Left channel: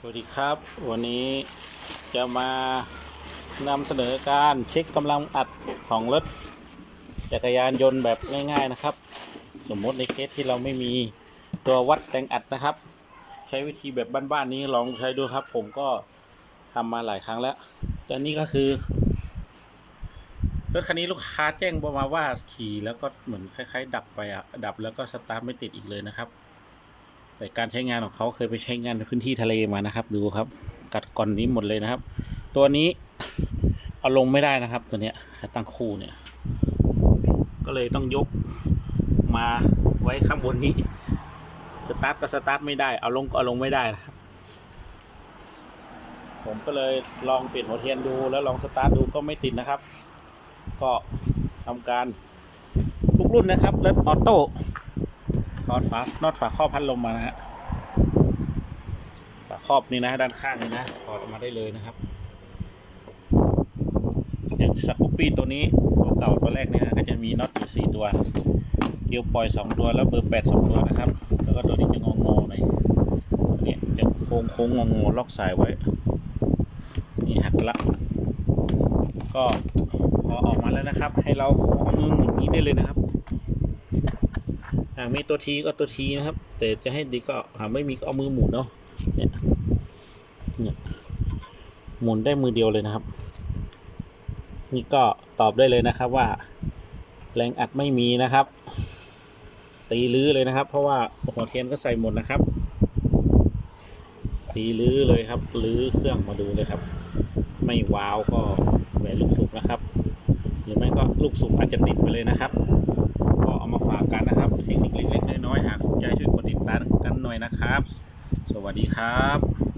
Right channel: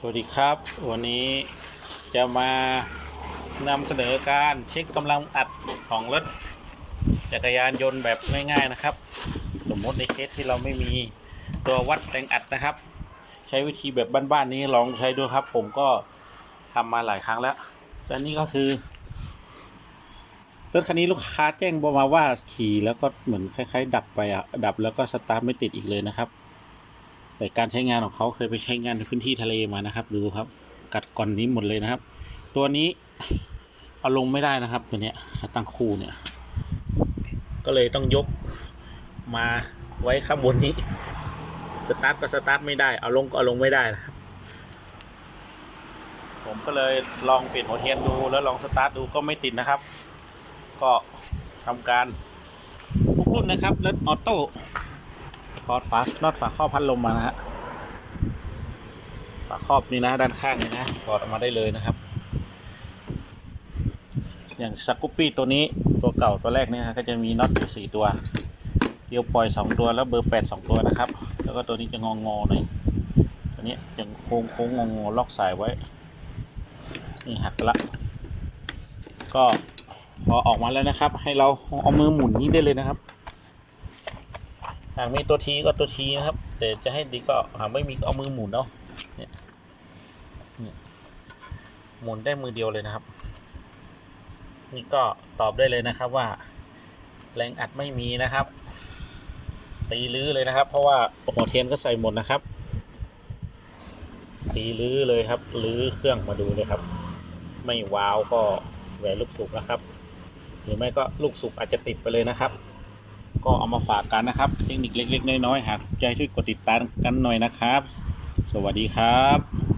สวัสดีครับ วันนี้จะมานำเสนอการเช็คกำลังอัดของรถจักรยานยนต์แบบง่ายๆนะครับ สมมติในเคสที่เราไม่มีตัววัดแรงอัดนะครับ ใช้วิธีแบบบ้านๆนี้ลองใช้ดูครับ ผมก็ทำมาหลายครั้งแล้วแต่นี่ก็คือรถคันนี้ลูกค้าแจ้งมาว่าขี่แล้วก็เหมือนคล้าย ๆ ดับไปอะดับแล้วก็สตาร์ทไม่ติดอีกเลยนะครับ แต่การใช้งานของเขาเคยไปใช้งานในพื้นที่ทะเลมานะครับ ดูครับ กัดก่อนนี้หมดเลยนะครับ ตัวนี้เอาลงไม่ได้นะครับ ตัวเนี้ยขาตั้งคู่เนี่ย ก็เลยต้องยกมาไว้ข้างบนนี้สตาร์ทก็สตาร์ทไม่ได้ เอาลงก็เอาลงไม่ได้นะครับ ผมก็เลยลองเปลี่ยนหัวเทียนดูแล้วลองสตาร์ทดูก็ไม่ติดนะครับ ก็ทำการทุกรุ่นนะครับรถออโต้ ถอดฝาน็อตฝาครอบพัดลมมานะฮะฝาครอบนี่นะด้านข้างนี่นะถอดออกมาได้เลยนะครับ อย่างสกูปปี้ตัวนี้ตัวเก่าตัวแรกเนี่ยก็จะมีน็อตอยู่สี่ตัวเกียวปล่อยสองตัวแล้วเบอร์แปดสองตัวนะครับ แล้วก็ตัวนี้จะงองอหน่อยอันนี้เป็นโค้งโค้งงองอล็อกสายไว้นี่หักละ ก็พอออกมาแล้วนะครับ ให้เราเอามือหมุนนี้ได้เลยนะครับ หากมีตัวทีก็ตัวทีนะครับ แต่จะให้ดีก็หากไม่มีก็เอามือหมุนเนาะเนี่ยเนี่ยหมุนได้มือเดียวเลยนะครับ นี่ก็ตอบได้เลยนะครับว่า แรงอัดไม่มีนะครับ ตีลื้อเลยนะครับ เพราะว่าหัวเทียนก็ใส่หมดนะครับ ตีลื้อเลยครับลื้อเครื่องมาดูเลยครับ ไม่วาวก็แหวนลูกสูบนะครับ หรือไม่ก็ลูกสูบอาจจะติดไปเลยนะครับ ก็เอามาฝากกันนะครับ เทคนิคเล็ก ๆ น้อยๆหากถูกใจช่วยกดติดตามกันหน่อยนะครับ สวัสดีครับ